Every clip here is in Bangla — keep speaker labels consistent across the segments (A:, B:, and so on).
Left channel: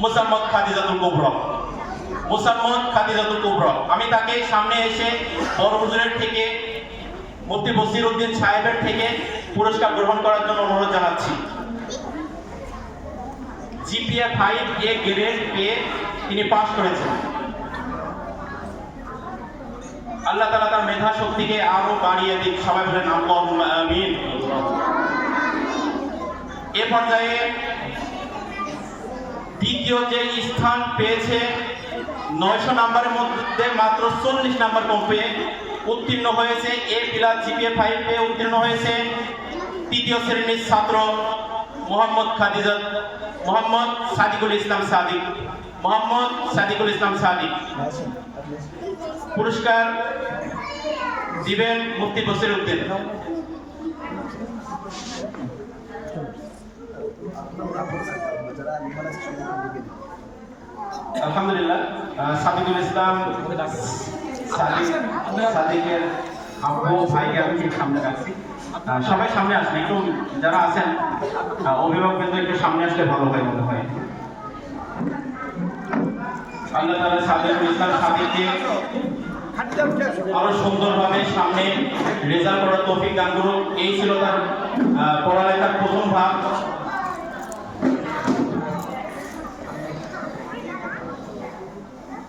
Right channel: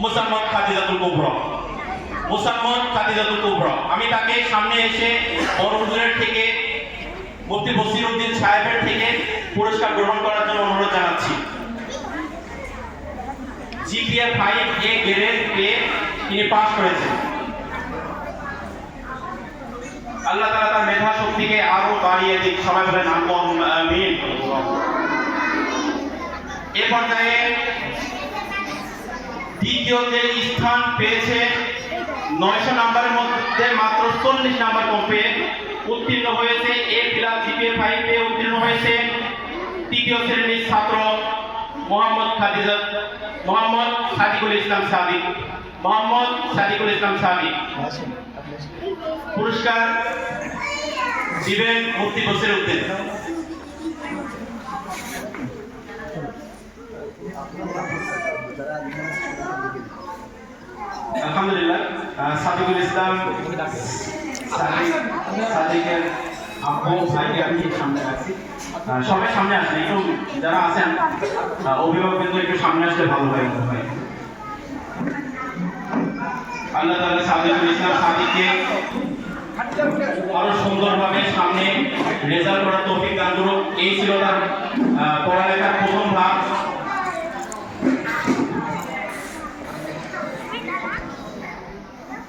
A: মুসাম্মদ খাদিজাতুল কুবরা। মুসাম্মদ খাদিজাতুল কুবরা। আমি তাকে সামনে এসে বড় হুজুরের থেকে, মুফতি বসির উদ্দিন সাহেবের থেকে পুরস্কার গ্রহণ করার জন্য অনুরোধ জানাচ্ছি। জিপিএ ফাইভ এ গ্রেড পেয়ে তিনি পাশ করেছেন। আল্লাহ তাআলা তার মেধা শক্তিকে আরও বাড়িয়ে দিক। সবাই বলেন আমিন। এ পর্যায়ে দ্বিতীয় যে স্থান পেয়েছে নয়শো নাম্বারের মধ্যে মাত্র চল্লিশ নাম্বার কম পেয়ে উত্তীর্ণ হয়েছে, এ প্লাস জিপিএ ফাইভ উত্তীর্ণ হয়েছে। তৃতীয় শ্রেণির ছাত্র মোহাম্মদ খাদিজা, মোহাম্মদ সাদিকুল ইসলাম সাদিক মোহাম্মদ সাদিকুল ইসলাম সাদিক পুরস্কার দিবেন মুফতি বসির উদ্দিন। আলহামদুলিল্লাহ সাদিকুল ইসলাম সাদিকের আব্বু, ভাইকে আমি সামনে রাখছি সবাই সামনে আসেন একটু যারা আছেন অভিভাবক কিন্তু একটু সামনে আসলে ভালো হয় মনে হয়। আল্লাহ তাআলা সাদিকুল ইসলাম সাদিককে আরও সুন্দরভাবে সামনে রেজাল্ট করার তৌফিক দান করুক। এই ছিল তার পড়ালেখার প্রথম ভাগ।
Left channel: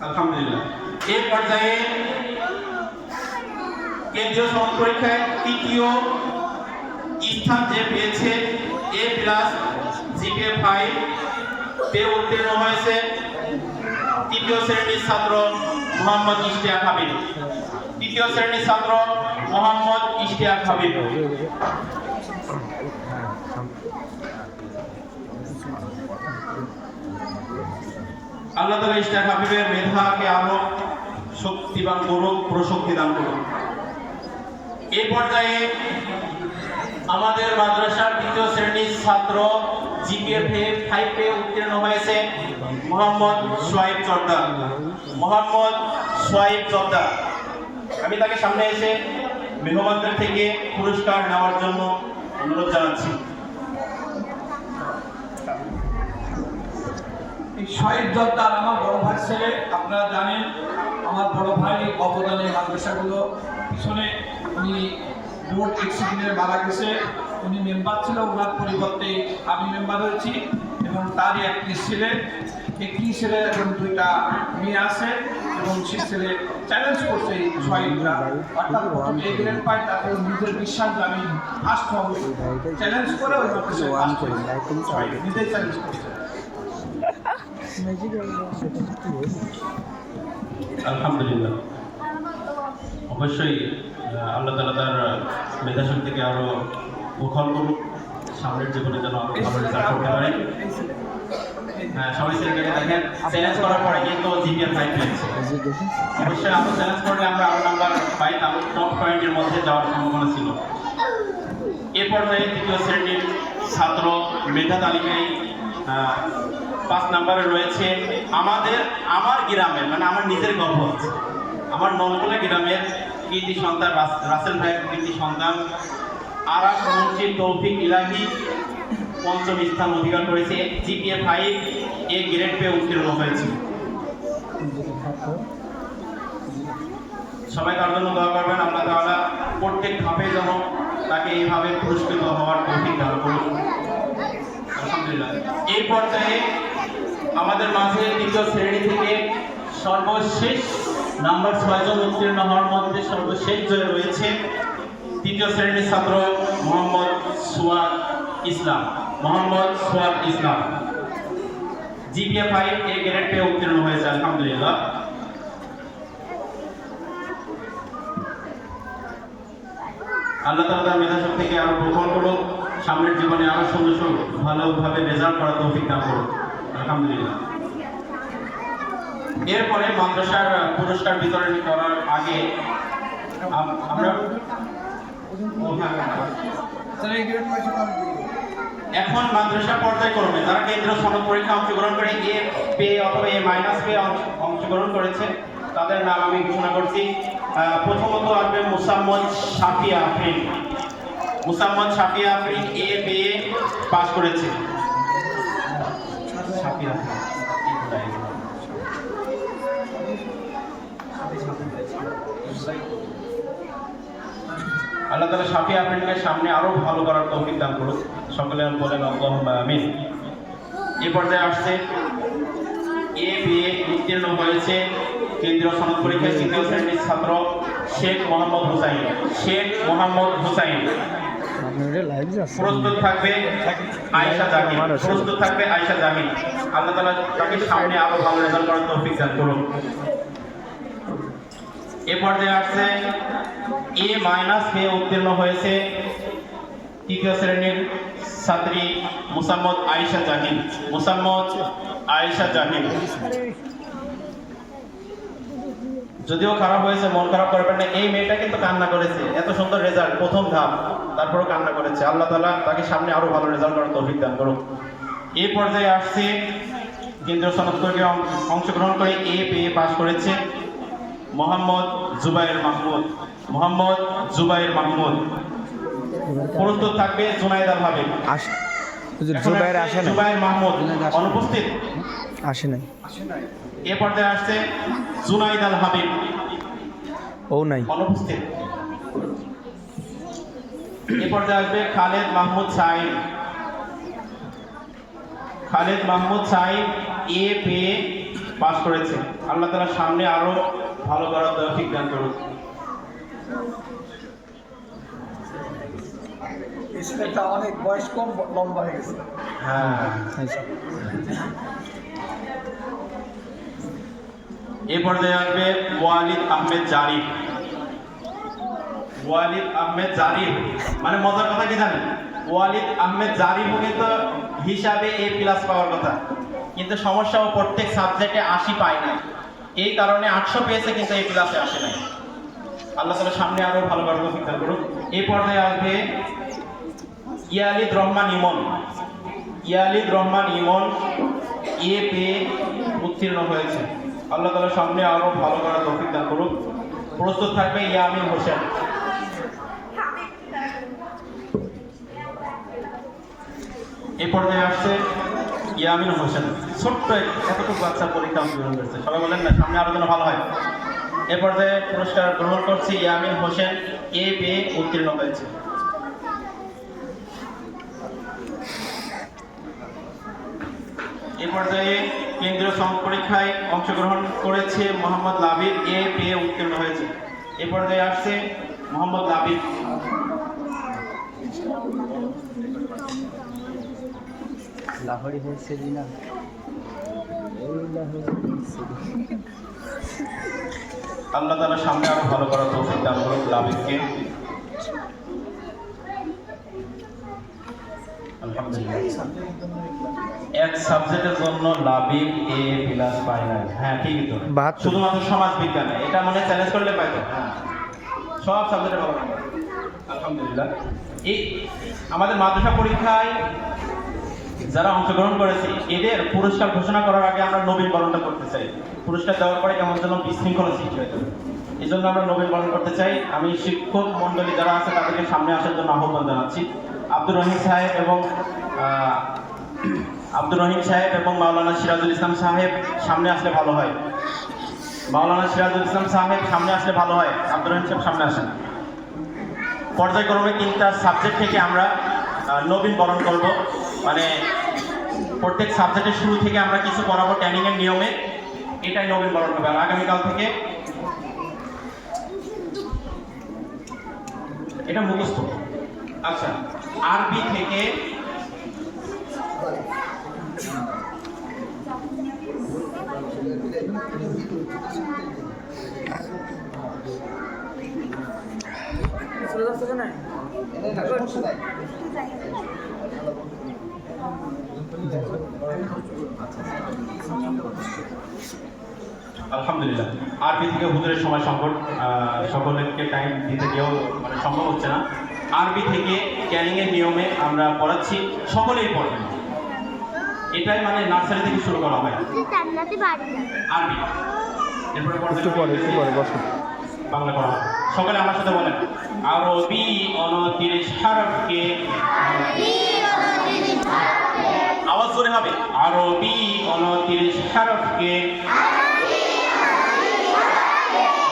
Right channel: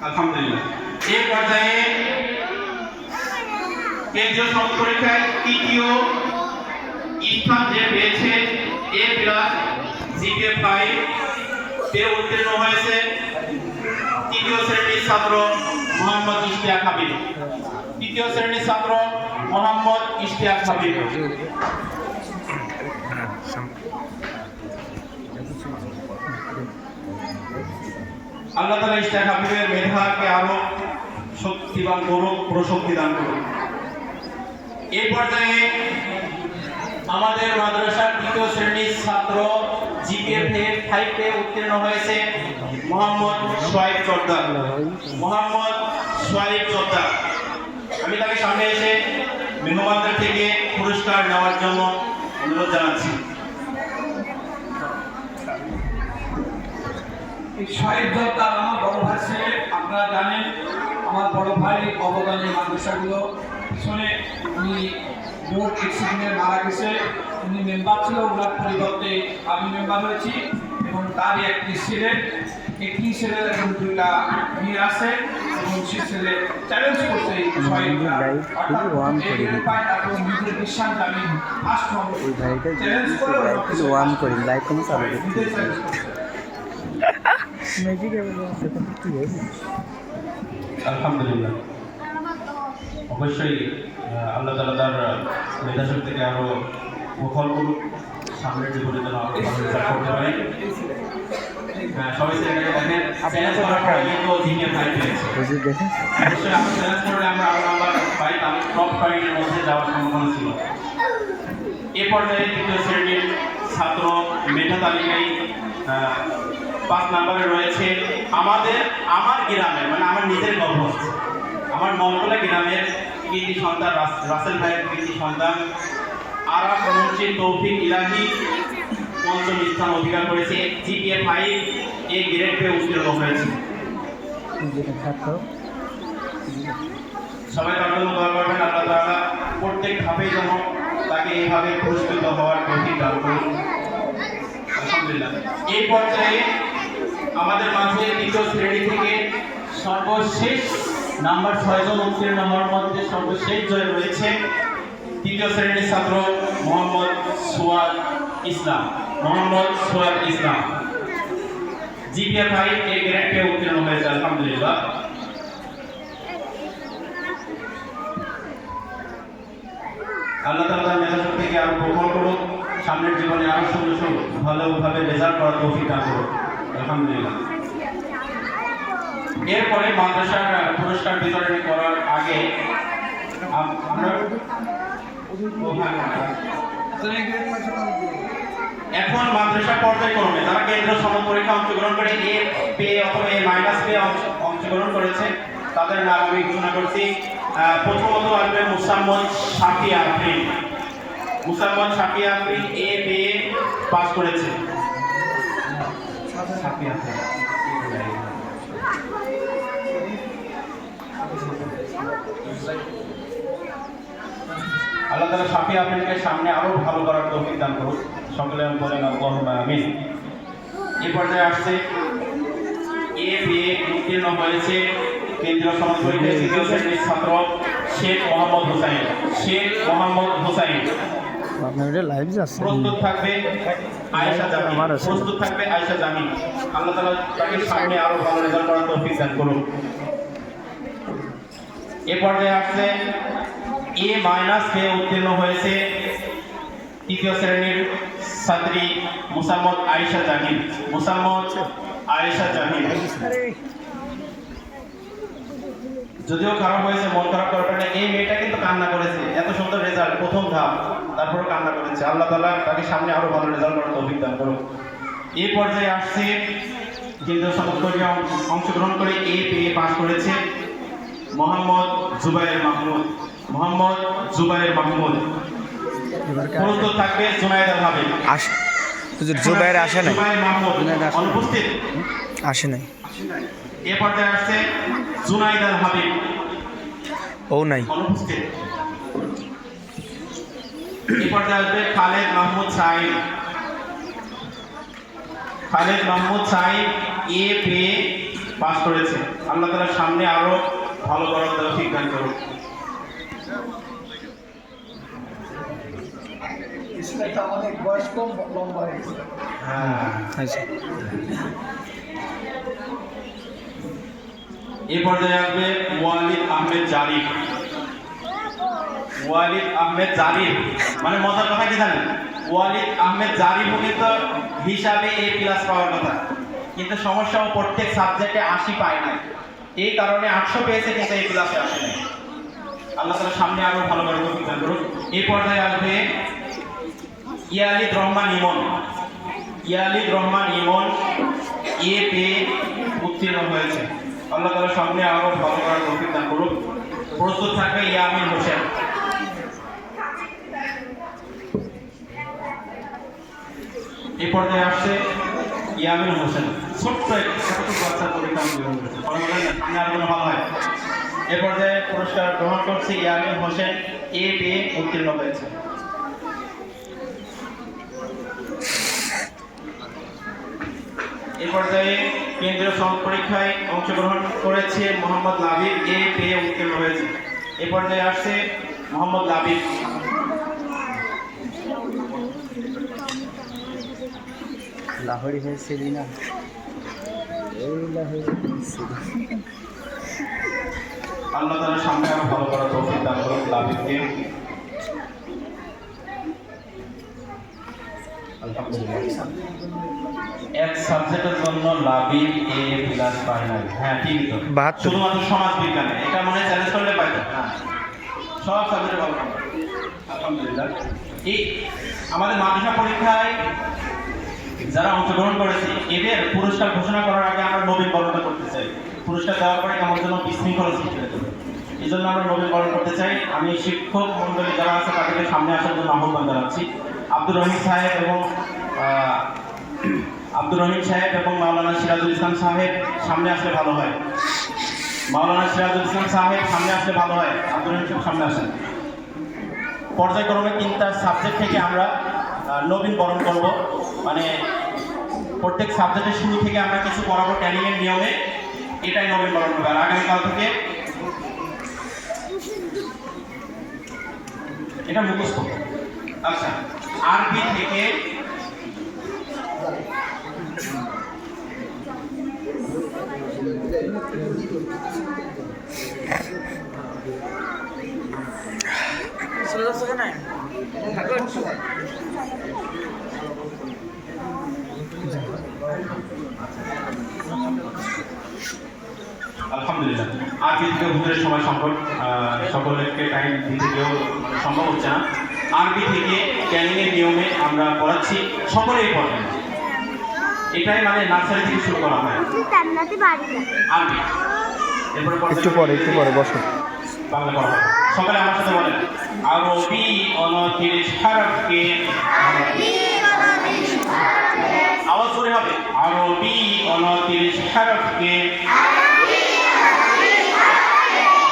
A: আলহামদুলিল্লাহ। এই পর্যায়ে কেন্দ্রীয় সমাজ পরীক্ষায় তৃতীয় স্থান যে পেয়েছে, এ প্লাস জিপিএ ফাইভ তে উত্তীর্ণ হয়েছে তৃতীয় শ্রেণির ছাত্র মোহাম্মদ ইশতিয়াক হাবিব। তৃতীয় শ্রেণির ছাত্র মোহাম্মদ ইশতিয়াক হাবিব। আল্লাহ তালা ইশতিয়াক হাবিবের মেধাকে আরও শক্তিবান করুক, প্রশক্তি দান করুক। এই পর্যায়ে আমাদের মাদ্রাসার তৃতীয় শ্রেণির ছাত্র জিপিএফে ফাইভে উত্তীর্ণ হয়েছে মোহাম্মদ সোয়াইব চর্দা মোহাম্মদ সোয়াইব চর্দা আমি তাকে সামনে এসে মেহমানদের থেকে পুরস্কার নেওয়ার জন্য অনুরোধ জানাচ্ছি।
B: শহীদ জর্দার আমার বড় ভাই ছেলে আপনারা জানেন আমার বড় ভাই অবদানী মাদ্রাসাগুলো পিছনে উনি বোর্ড এক্সিকিউটিভে মারা গেছে উনি মেম্বার ছিল ওনার পরিবর্তে আমি মেম্বার হয়েছি এবং তারই একটি ছেলে একটি ছেলে এবং দুইটা মেয়ে আছে এবং সে ছেলে চ্যালেঞ্জ করছে এই অর্থাৎ গ্রেড পায় তারপর নিজের বিশ্বাস আমি ফার্স্ট চ্যালেঞ্জ করে নিজে চ্যালেঞ্জ করছে।
A: আলহামদুলিল্লাহ। অবশ্যই আল্লাহ তালা তার মেধা শক্তিকে আরও উখল করুক সামনের জীবনে যেন হ্যাঁ, ছিল। এ পর্যায়ে তৃতীয় শ্রেণির ছাত্র মেধা তালিকায় পাঁচ নাম্বারে রয়েছে আমাদের, আমার গ্রামের মানে আমার নিজের গর্ব আমার নলকোলা গ্রামের কৃতি সন্তান রাসেল ভাইয়ের কৃতি সন্তান। আরাম মসজিদ তৌফিক ইলাহি পঞ্চম স্থান অধিকার করেছে জিপিএ ফাইভ এ গ্রেড পেয়ে উত্তীর্ণ হয়েছে। সবাই তার জন্য দোয়া করবেন আল্লাহ তাআলা প্রত্যেক ধাপে যেন তাকে এইভাবে পুরস্কৃত হওয়ার তৌফিক দান করুন। আলহামদুলিল্লাহ। এই পর্যায়ে আমাদের মাঝে তৃতীয় শ্রেণি থেকে সর্বশেষ নাম্বার ছয়জন উত্তীর্ণ হওয়ার মধ্যে সর্বশেষ জয়ে রয়েছে তৃতীয় শ্রেণির ছাত্র Mohammad Suad Islam. Mohammad Suad Islam. GPA five A grade উত্তীর্ণ হয়েছে, আলহামদুলিল্লাহ। আল্লাহ তাআলা তার মেধা শক্তিকে আরও প্রখর করুক, সামনের জীবনে আরও সুন্দর সুন্দর ভালোভাবে রেজাল্ট করার তৌফিক দান করুক। আলহামদুলিল্লাহ এরপরে মাদ্রাসার পুরস্কার বিতরণ করার আগে হ্যাঁ, হ্যাঁ।
B: কি?
A: এখন মাদ্রাসা পর্যায়ক্রমে তারা কেন্দ্রীয় সনদ পরীক্ষা অংশগ্রহণ করে এ পে অথবা এ মাইনাস পে অংশগ্রহণ করেছে তাদের নাম আমি ঘোষণা করছি প্রথমত আসবে মুসাম্মদ শাফিয়া আফরিন মুসাম্মদ শাফিয়া আফরিন এ পে পাস করেছে। আল্লাহ তালা সাফি আপনাকে সামনে আরও ভালো করার তৌফিক দান করুন। সকলে বলেন আল্লাহ আমিন। এ পর্যায়ে আসছে এ বিএ উত্তীর্ণ হয়েছে কেন্দ্রীয় সনদ পরীক্ষা তৃতীয় শ্রেণির ছাত্র শেখ মোহাম্মদ হোসাইন। শেখ মোহাম্মদ হোসাইন।
C: আপনার এটা লাইভ যাচ্ছে
A: প্রস্তুত থাকবে আয়েশা জামিন প্রস্তুত থাকবে আয়েশা জামিন আল্লাহ তাআলা তাকে সামনে আরও ভালো রেজাল্ট করার তৌফিক দান করুন। এ পর্যায়ে আসছে এ মাইনাস এ উত্তীর্ণ হয়েছে তৃতীয় শ্রেণির ছাত্রী মুসাম্মদ আয়েশা মুসাম্মদ আয়েশা যদিও খারাপ হয়েছে মন খারাপ করবেন না এই মেয়েটা কিন্তু কান্না করেছে। এত সুন্দর রেজাল্ট প্রথম ধাপ। তারপরে কান্না করেছে। আল্লাহ তালা তাকে সামনে আরও ভালো রেজাল্ট করার তৌফিক দান করুন এই পর্যায়ে আসছে কেন্দ্রীয় সদস্যকে অংশগ্রহণ করে এ পেয়ে পাশ করেছে মোহাম্মদ জুবাইর মাহমুদ। মোহাম্মদ জুবাইর মাহমুদ।
C: এবার
A: প্রস্তুত থাকবে জুনাইদ আল হাবিব
C: জুবাইর আসে নাই?
A: জুবাইর মাহমুদ অনুপস্থিত?
C: আসে নাই।
A: এ পর্যায়ে আসছে জুনাইদ আল হাবিব
C: ও নাই।
A: অনুপস্থিত। এ পর্যায়ে আসবে খালেদ মাহমুদ সাইদ। খালেদ মাহমুদ সাইদ এ পেয়ে পাস করেছে। আল্লাহ তাআলা সামনে আরও ভালো করার তৌফিক দান করুন।
B: ছেলেটা অনেক বয়স কম লম্বা হয়ে গেছে।
A: হ্যাঁ।
C: আচ্ছা।
A: এ পর্যায়ে আসবে ওয়ালিদ আহমেদ জারিফ। ওয়ালিদ আহমেদ জারিফ। মানে মজার কথা কি জানেন? ওয়ালিদ আহমেদ জারিফও কিন্তু হিসাবে এ প্লাস পাওয়ার কথা। কিন্তু সমস্যা ও প্রত্যেক সাবজেক্টে আশি পায় না এই কারণে আটশো পেয়েছে কিন্তু এই প্লাসে আসে নাই। আল্লাহ তালা সামনে আরও ভালো করে অভিজ্ঞতা করুন। এই পর্যায়ে আসবে ইয়ালিদ রহমান ইমন। ইয়ালিদ রহমান ইমন এ পেয়ে উত্তীর্ণ হয়েছে। আল্লাহ তাআলা সামনে আরও ভালো তৌফিক দান করুন। প্রস্তুত থাকবে ইয়ামিন হোসেন। এই পর্যায়ে আসছে ইয়ামিন হোসেন। ছোট্ট কতটুকু বাচ্চার পরীক্ষা অংশগ্রহণ করেছে সবাই বলেন না, সামনে আলোচনা ভালো হয়। এ পর্যায়ে পুরস্কার গ্রহণ করছে ইয়ামিন হোসেন, এ পেয়ে উত্তীর্ণ হয়েছে। এ পর্যায়ে কেন্দ্রীয় সনদ পরীক্ষায় অংশগ্রহণ করেছে মোহাম্মদ লাবিব, এ পেয়ে উত্তীর্ণ হয়েছে। এ পর্যায়ে আসছে মোহাম্মদ লাবিব।
C: লাহোরি হয়েছে না
A: আল্লাহ তাআলা সামনে আরও ভালো করার তৌফিক দান লাবিবকে আলহামদুলিল্লাহ। এক সাবজেক্টের জন্য লাবিব এ প্লাস পায় নাই। হ্যাঁ ঠিকই তো। শুধুমাত্র সমাজ বিজ্ঞানে। এটা মানে চ্যালেঞ্জ করলে পাইতো হ্যাঁ। সব সাবজেক্টে ভালো আলহামদুলিল্লাহ। এই আমাদের মাদ্রাসা পরীক্ষায় যারা অংশগ্রহণ করেছে, এদের পুরস্কার ঘোষণা করার আগে আমরা নবীন বরণটা করতে চাই। পুরস্কার দেওয়ার পরে কেমন যেন বিশৃঙ্খলা সৃষ্টি হয়ে যাবে এই জন্য আমরা নবীন বরণ করতে চাই। আমি শিক্ষক মণ্ডলী যারা আছে, তাদেরকে সামনে আসার জন্য আহ্বান জানাচ্ছি। আব্দুর রহিম সাহেব এবং আব্দুর রহিম সাহেব এবং মাওলানা সিরাজুল ইসলাম সাহেব সামনে আসলে ভালো হয়। মাওলানা সিরাজুল ইসলাম সাহেব সামনে আসলে ভালো হয়। আব্দুর রহিম সাহেব সামনে আসেন। পর্যায়ক্রমে তিনটা সাবজেক্ট থেকে আমরা নবীন বরণ করব। মানে প্রত্যেক সাবজেক্টের শুরু থেকে আমরা কিছু করাবো ট্রেনিং এর নিয়মে। এটাই নবীন বরণ হবে আর আগামীকাল থেকে এটা মুখস্থ। আচ্ছা আরবি থেকে আলহামদুলিল্লাহ। আরবি থেকে হুজুরের সময় আহ, সকলকে টাইম দিতে গিয়েও মানে সম্ভব হচ্ছে না। আরবি থেকে ক্যানিং এর নিয়মে আমরা পড়াচ্ছি সকলেই পড়বেন। এটাই মানে নার্সারি থেকে শুরু করা হয়। আরবি এরপরে
C: একটু পরে একটু পরে বসো।
A: বাংলা পড়া সকালে আমার সাথে বলেন, আরবি অনতিরিশ হারফকে আওয়াজ জোরে হবে, আরবি অনতিরিশ হারফকে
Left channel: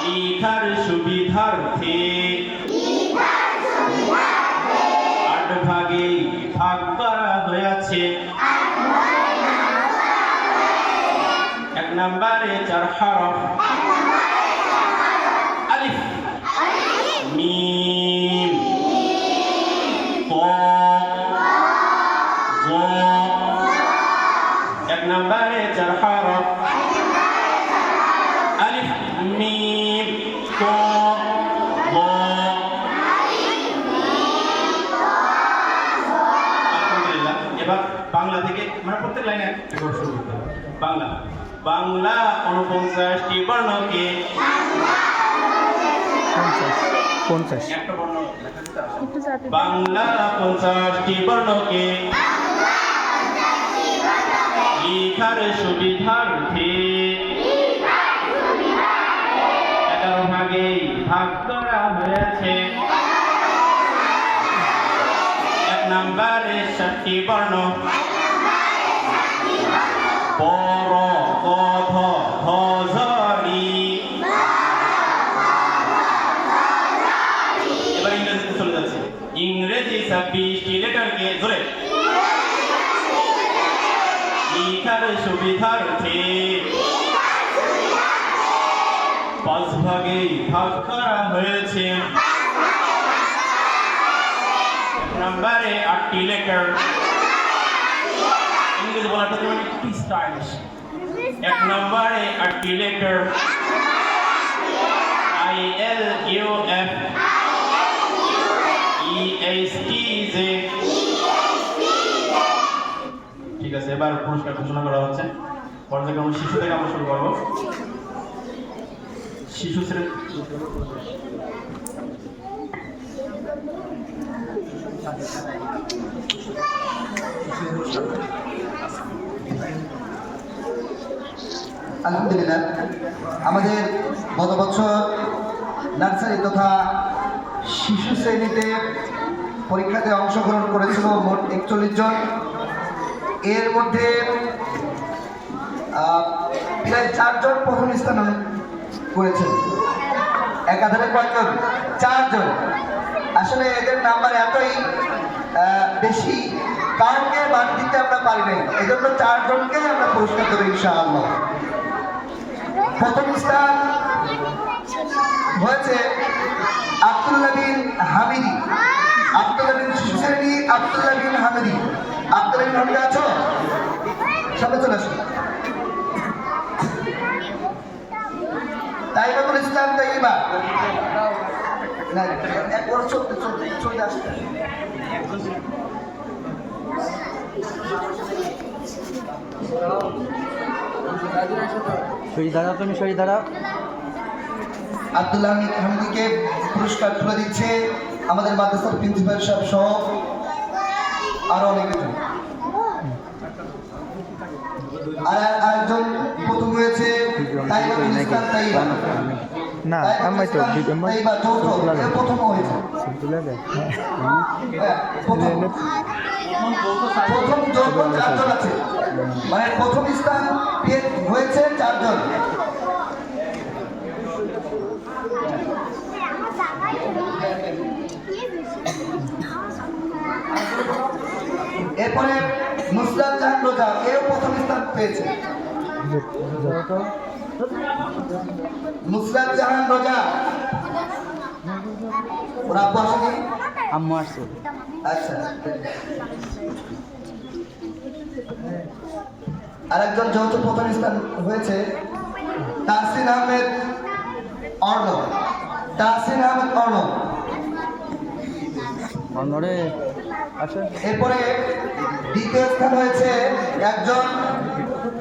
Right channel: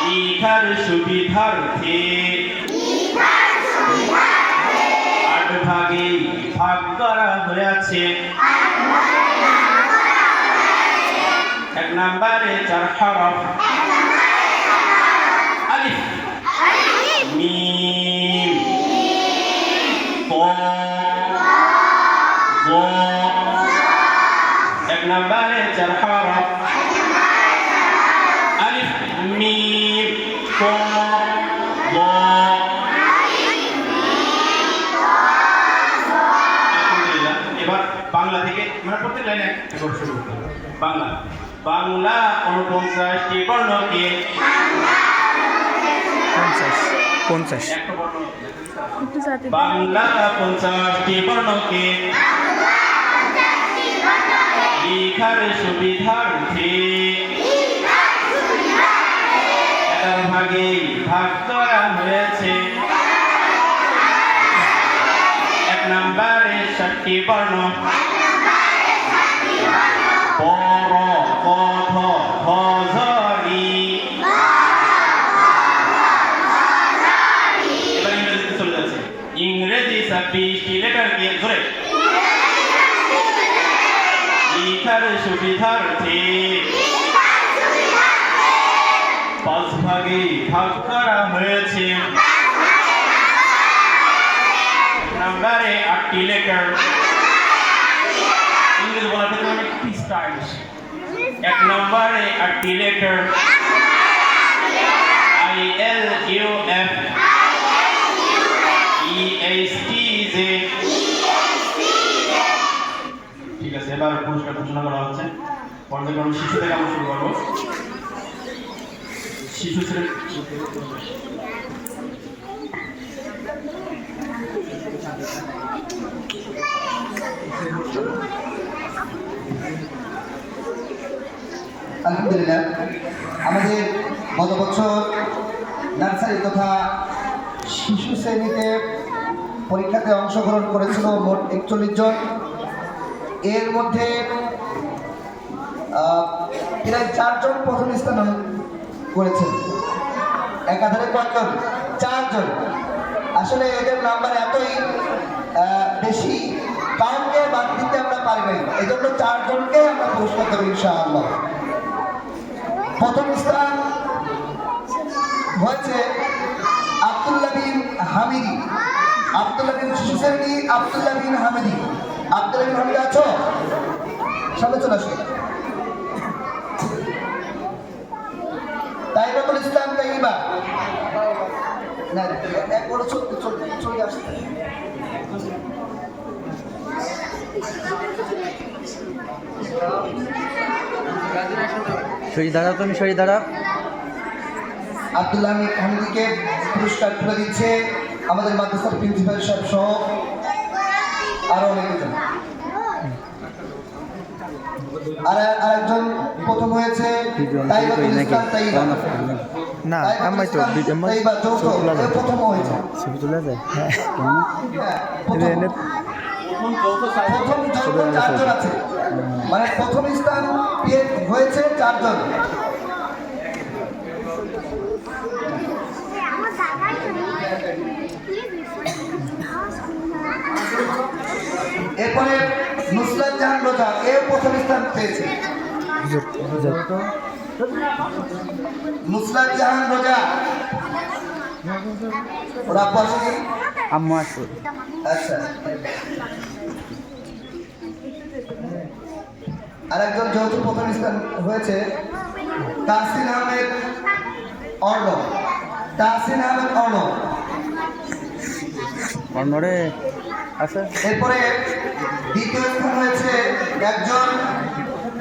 A: লিখার সুবিধা সুবিধার্থে আট ভাগে ভাগ করা হয়েছে। এক নম্বরে চার হরফ। বাংলা থেকে মানে প্রত্যেক লাইনে একটা করে শুরু করতে হবে। বাংলা বাংলা উনপঞ্চাশটি বর্ণকে
C: পঞ্চাশ পঞ্চাশ।
A: বাংলা পঞ্চাশটি বর্ণকে লিখার সুবিধার্থে এগারো ভাগে ভাগ করা হয়েছে নম্বরে বর্ণ পর কথ ভজরি এবার ইংরেজিতে চলে যাচ্ছে। ইংরেজি ছাব্বিশটি লেটারকে ধরে। লিখার সুবিধার্থে। পাঁচ ভাগে ভাগ করা হয়েছে এক নম্বরে আটটি লেটার ইংরেজি বলাটা তো একটু স্টাইলিশ এক নম্বরে আটটি letter I L U F E H T J ঠিক আছে, এবার পুরস্কার ঘোষণা করা হচ্ছে। পর্যায়ক্রমে শিশু থেকে আমরা শুরু করব। শিশু শ্রেণি
D: আলহামদুলিল্লাহ। আমাদের গত বছর নার্সারি তথা শিশু শ্রেণীতে পরীক্ষাতে অংশগ্রহণ করেছিল মোট একচল্লিশ জন। এর মধ্যে প্রায় চারজন প্রথম স্থান করেছেন। একাধারে কয়েকজন, চারজন। আসলে এদের নাম্বার এতই বেশি। কাউকে বাদ দিতে আমরা পারি নাই। এই জন্য চারজনকে আমরা পুরস্কার দেবো ইনশাআল্লাহ। প্রথম স্থান হয়েছে আব্দুল্লাহ হামিদি। আব্দুল্লাহ বিন হামিদি। হামিদি আছো? সামনে আসো। তাইবাতুল ইসলাম তাইবা না একবার চলতে চলতে চলে আসতে
C: শরীর দাঁড়াও তুমি শরীর দাঁড়াও
D: আব্দুল্লাহ হামিদ হামিদিকে পুরস্কার তুলে দিচ্ছে আমাদের মাদ্রাসার প্রিন্সিপাল সাহেব সহ আরও অনেকজন আর আরেকজন প্রথম হয়েছে তাইবাতুল ইসলাম তাইবা।
C: না আমাই তো
D: তাইবা যৌথ প্রথম হয়েছে।
C: যায়? হ্যাঁ।
D: হ্যাঁ, প্রথম।
C: এনে
D: চারজন আছে। মানে প্রথম স্থান হয়েছে চারজন। এরপরে নুসরাত জাহান রোজা এ প্রথম স্থান পেয়েছে। নুসরাত জাহান রোজা। ওরা পড়ছে কি?
C: আম্মু আছে
D: আচ্ছা। আরেকজন যৌথ প্রথম স্থান হয়েছে তাহসিন আহমেদ অর্ণব। তাহসিন আহমেদ অর্ণব।
C: আছে
D: এরপরে দ্বিতীয় স্থান হয়েছে একজন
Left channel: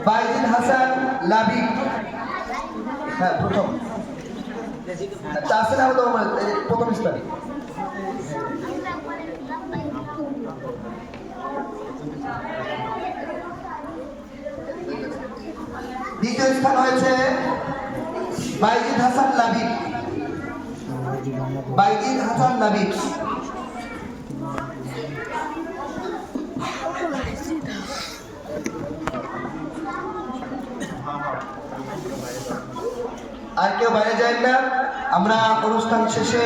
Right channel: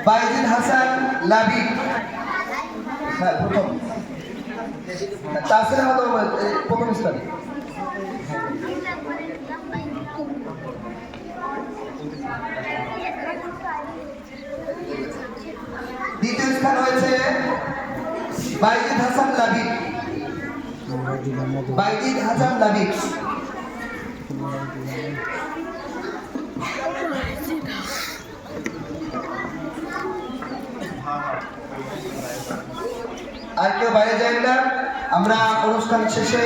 D: বাইজিদ হাসান লাবি। হ্যাঁ প্রথম। তাহসিন আহমেদ প্রথম স্থান। দ্বিতীয় স্থান হয়েছে বাইজিদ হাসান লাবিব বাইজিদ হাসান লাবিব আর কেউ বাইরে যায় না। আমরা অনুষ্ঠান শেষে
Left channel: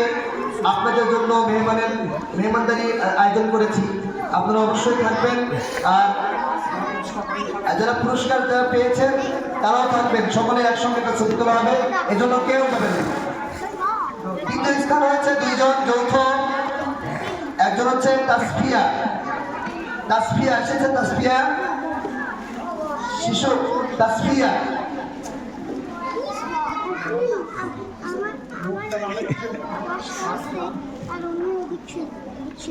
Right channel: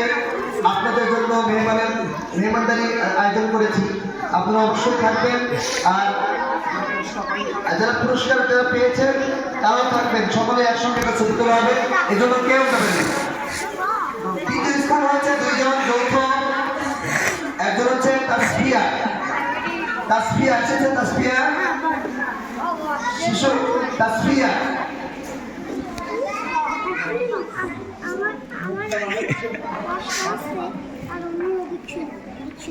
D: আপনাদের জন্য মেহমানের মেহমানদারি আয়োজন করেছি। আপনারা অবশ্যই থাকবেন। আর যারা পুরস্কার যারা পেয়েছেন, তারাও থাকবেন। সকলে একসঙ্গে একটা ছবি তোলা হবে। এই জন্য কেউ যাবেন তৃতীয় স্থান হয়েছে দুইজন, যৌথ। একজন হচ্ছে তাসফিয়া। তাসফিয়া, এসেছে তাসফিয়া। শিশু, তাসফিয়া।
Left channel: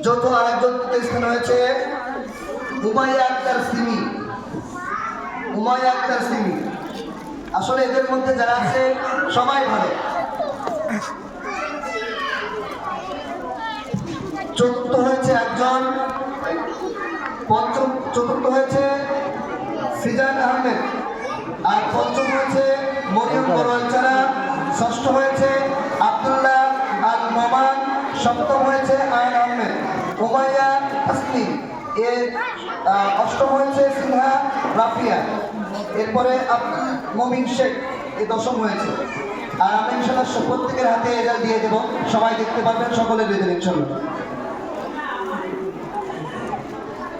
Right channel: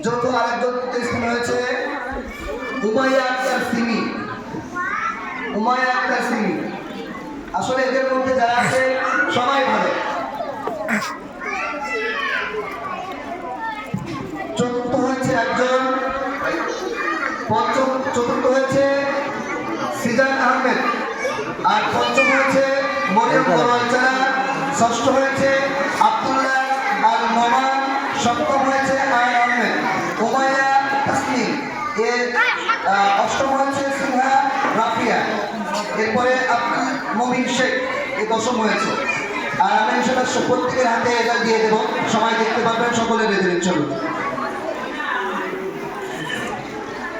D: যৌথ আরেকজন স্থান আক্তার সিমি। আক্তার সিমি। আসলে এদের মধ্যে যারা আছে, সবাই ভালো। চতুর্থ হয়েছে একজন, পঞ্চম, চতুর্থ হয়েছে সিজান আহমেদ। আর পঞ্চম হয়েছে মরিয়ম বড়ালচারা ষষ্ঠ হয়েছে আব্দুল্লাহ আল নোমান সপ্তম হয়েছে আয়ন আহমেদ, উমাইয়া তাসলিম এর অষ্টম হয়েছে সিনহা রাফিয়া। এরপরে আব্দুল মমিন শেখ, এ দশম হয়েছে। আর আমি ইনশাল্লাহ প্রত্যেকের হাতে এটা দিয়ে দেবো। সবাই দেখতে পাবেন সকলে দিয়ে দেবেন চলুন।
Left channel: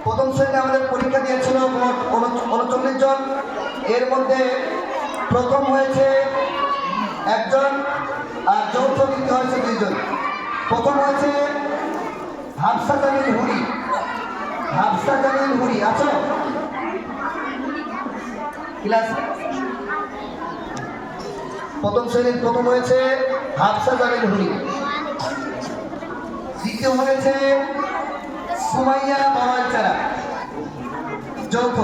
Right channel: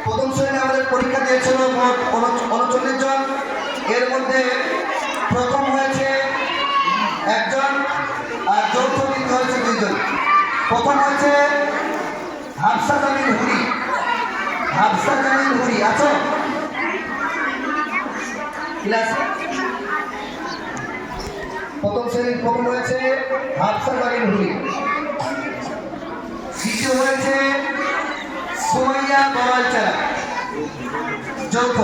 D: প্রথম শ্রেণি আমাদের পরীক্ষা দিয়েছিল উনচল্লিশ জন। এর মধ্যে প্রথম হয়েছে একজন আর যৌথ দ্বিতীয় হয়েছে দুইজন। প্রথম হয়েছে হাফসা জামিল হুরি হাফসা জামিল হুরি আছো প্রথম শ্রেণির প্রথম হয়েছে হাফসা জামিল হুরি দ্বিতীয় হয়েছে সুমাইয়া বড়ালচারা যৌথ।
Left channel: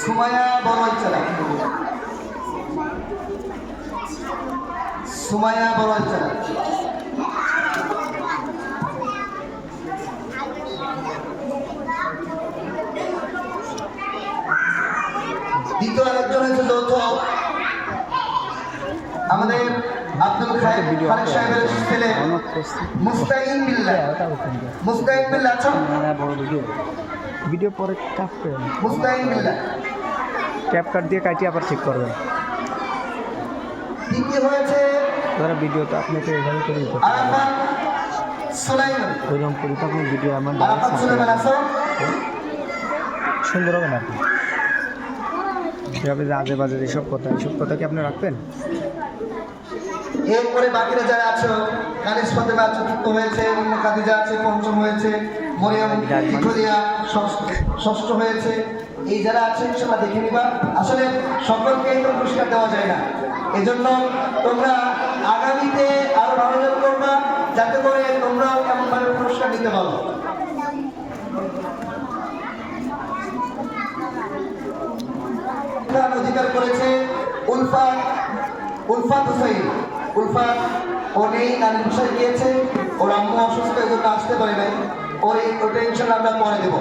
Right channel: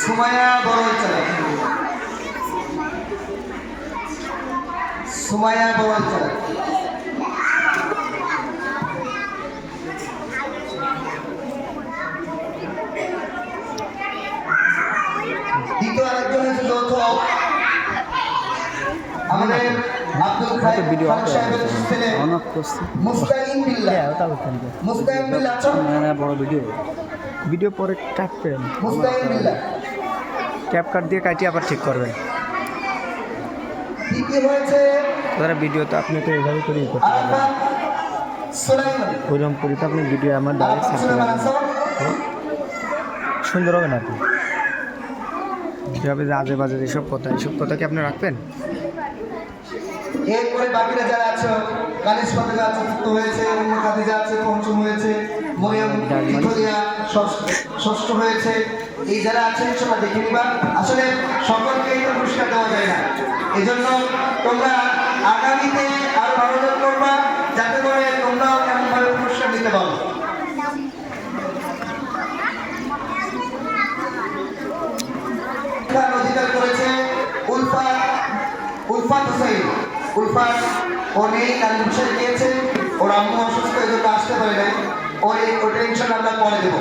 D: সুমাইয়া বড়ালচারা সুমাইয়া বড়ালচারা দ্বিতীয় আরেকজন হয়েছে যৌথ। আমাদের আব্দুল খায়ের
C: ভিডিও
D: খান সাহেবের ছেলে মুস্তাকিম বিল্লাহ।
C: হ্যাঁ
D: মুস্তাকিম বিল্লাহ আছো
C: হ্যাঁ ভিডিও ভিডিও পরে
D: মুস্তাকিম বিল্লাহ।
C: ক্যাপ কাট দিয়ে কাটিয়ে আবার ঠিক করবেন।
D: তৃতীয় হয়েছে
C: ধরো ভিডিও তো আপনাকে এভাবে করে করতে পারবেন। ওইরকম করি তো আপনি ভিডিও আমার ডাইরেক্ট ছাড়তে সুন্দর হবে না আপনি? যেভাবে যে আজে বাজে এসব কথা এইসব কথা কি আপনি রাখবেন?
D: এরপরে বাকিরা যারা আছো কানিস ফাতেমা চতুর্থ হয়েছে অন্য কাদিজা আছে পঞ্চম হয়েছে মরিয়ম ইথলিয়া ষষ্ঠ হয়েছে এই যারা আছেন ইনশাল্লাহ দেখে নিবা। আসলে সকলকেই তো পুরস্কার দেওয়া যায় না। এজন্য জন্য তোমরা আগামীতে আরও যোগ করবা, যাতে করে তোমরাও এমনভাবে পুরস্কার দিতে পারো। অধিকার করেছে উলফাত উলফাত হুসাইন। উলফাত ও নেই নানিমশাই গিয়েছে। ওর আম্মু অসুস্থ, এই জন্য আসতে পারে নাই। ওর, ওটা ইনশাল্লাহ আমরা পরে দেবো।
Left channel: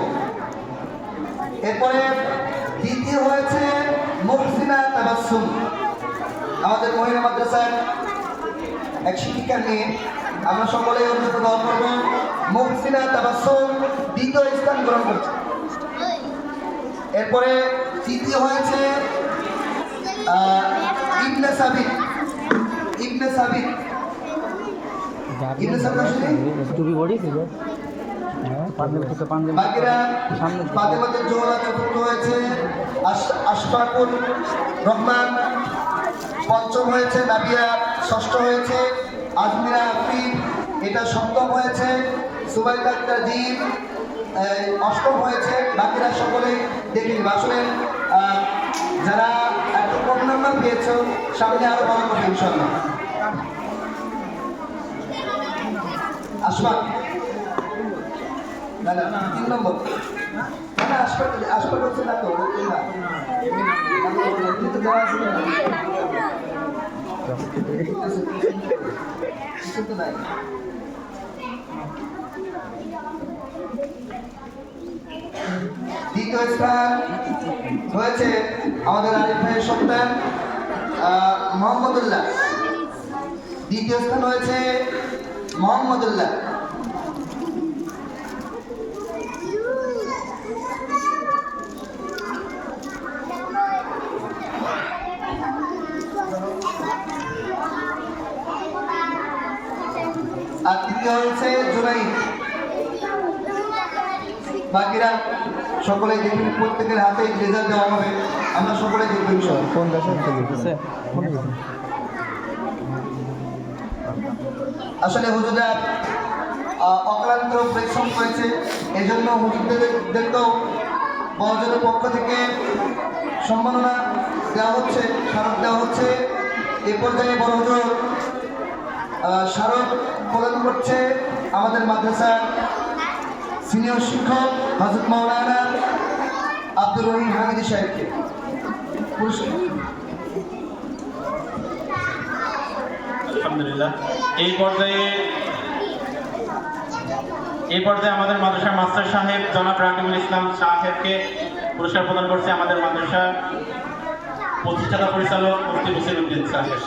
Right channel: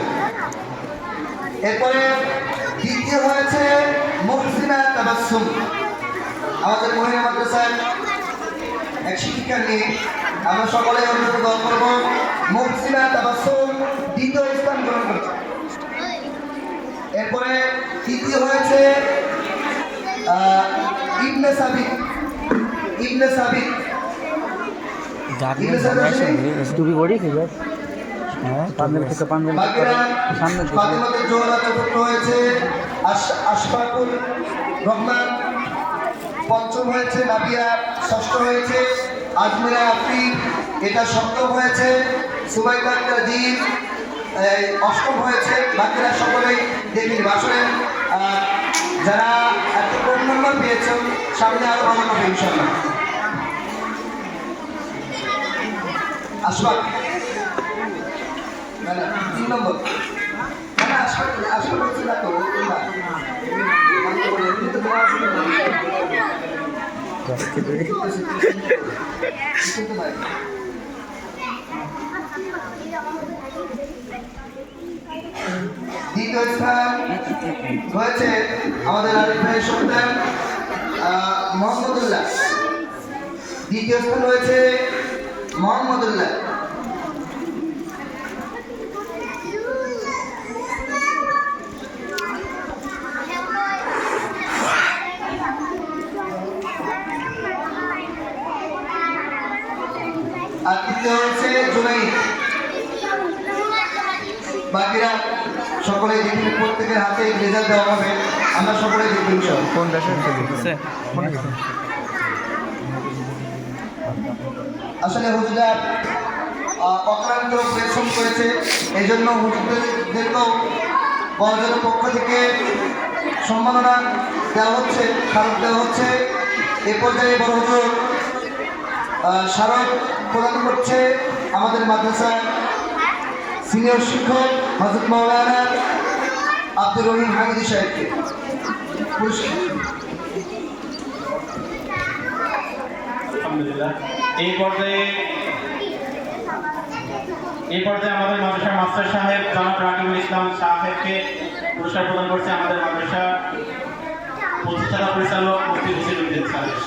D: এরপরে দ্বিতীয় হয়েছে মুহসিনা তাবাসসুম। আমাদের মহিলা মাদ্রাসার এক শিক্ষিকা নিয়ে আমরা সকলে অন্যত দল করব। মুহসিনা তাবাসসুম দ্বিতীয় স্থান গ্রহণ করছে। এরপরে তৃতীয় হয়েছে ইবনে সাবিত। ইবনে সাবিত?
C: টুপি হ্যাঁ সামনে থেকে পাঞ্জাবি সামনে থেকে
D: জোহরা চতুর্থ হয়েছে আশ- আশফাকুল রহমান। পঞ্চম হয়েছে নাবিয়া ষষ্ঠ হয়েছে আজমিরা আফরিন এটা সপ্তম হয়েছে সুবাইদা আক্তার জিদ অষ্টম হয়েছে বাকিরা সকলেই দেবীর আহ, যারা এত কম নম্বর পেয়েছ সামনে আরও ভালো হবে ইনশাল্লাহ না তিন নম্বর। আশফাক আশফাক হচ্ছে না তো দ্বিতীয় স্থান হয়েছে আমাদের আরিফ ভাইয়ের সন্তান মোহাম্মদুল্লাহ দ্বিতীয় স্থান হয়েছে মোহাম্মদুল্লাহ। আর তৃতীয় হচ্ছে জুনাই বাকিরা সকলে দেখবেন প্রত্যেকের হাতে রেজাল্ট দেওয়া হবে। আমরা সকলে দেখবেন
C: কোন
D: আসলে হুজুরা অক্লান্ত পরিশ্রম করেছে। এই জন্য হুজুরদেরকেও বড়জনের পক্ষ থেকে সম্মাননা দেওয়া হচ্ছে খারাপ দেওয়া হচ্ছে। এ পর্যায়ে বড় হুজুর স্মারক প্রদান করছে আমাদের মাদ্রাসার সিনিয়র শিক্ষক হজরত মৌলানা আব্দুর রহিম হামিদি সাহেবকে।
A: আলহামদুলিল্লাহ। এই পর্যায়ে এই পর্যায়ে আমাদের মাদ্রাসার মাস্টার সাহেব জনাব রাকিবুল ইসলাম সাহেবকে পুরস্কার প্রদান করছে আমাদের মাদ্রাসা প্রতিষ্ঠাতা পরিচালক মুফতি হুসেন উদ্দিন সাহেব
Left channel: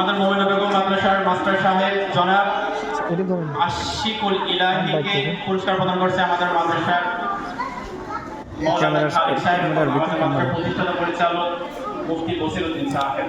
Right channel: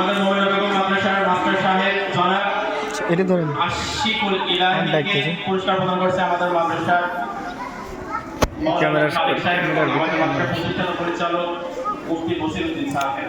A: আমাদের মহিলা বেগম মাদ্রাসার মাস্টার সাহেব জনাব
C: এটা ধরেন।
A: আশিকুল ইলাহিকে পুরস্কার প্রদান করছে আমাদের মাদ্রাসার মৌলানা সাহেব আমাদের মাদ্রাসার প্রতিষ্ঠাতা পরিচালক মুফতি বসিরউদ্দিন সাহেব।